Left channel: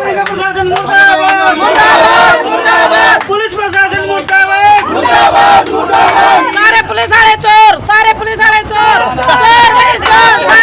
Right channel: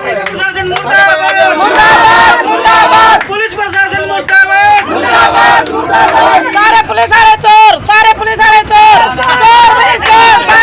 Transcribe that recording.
प्रशासन मुर्दाबाद मुर्दाबाद मुर्दाबाद पुलिस प्रशासन मुर्दाबाद मुर्दाबाद मुर्दाबाद सारे पुलिस वाले चोर चोर भाई चोर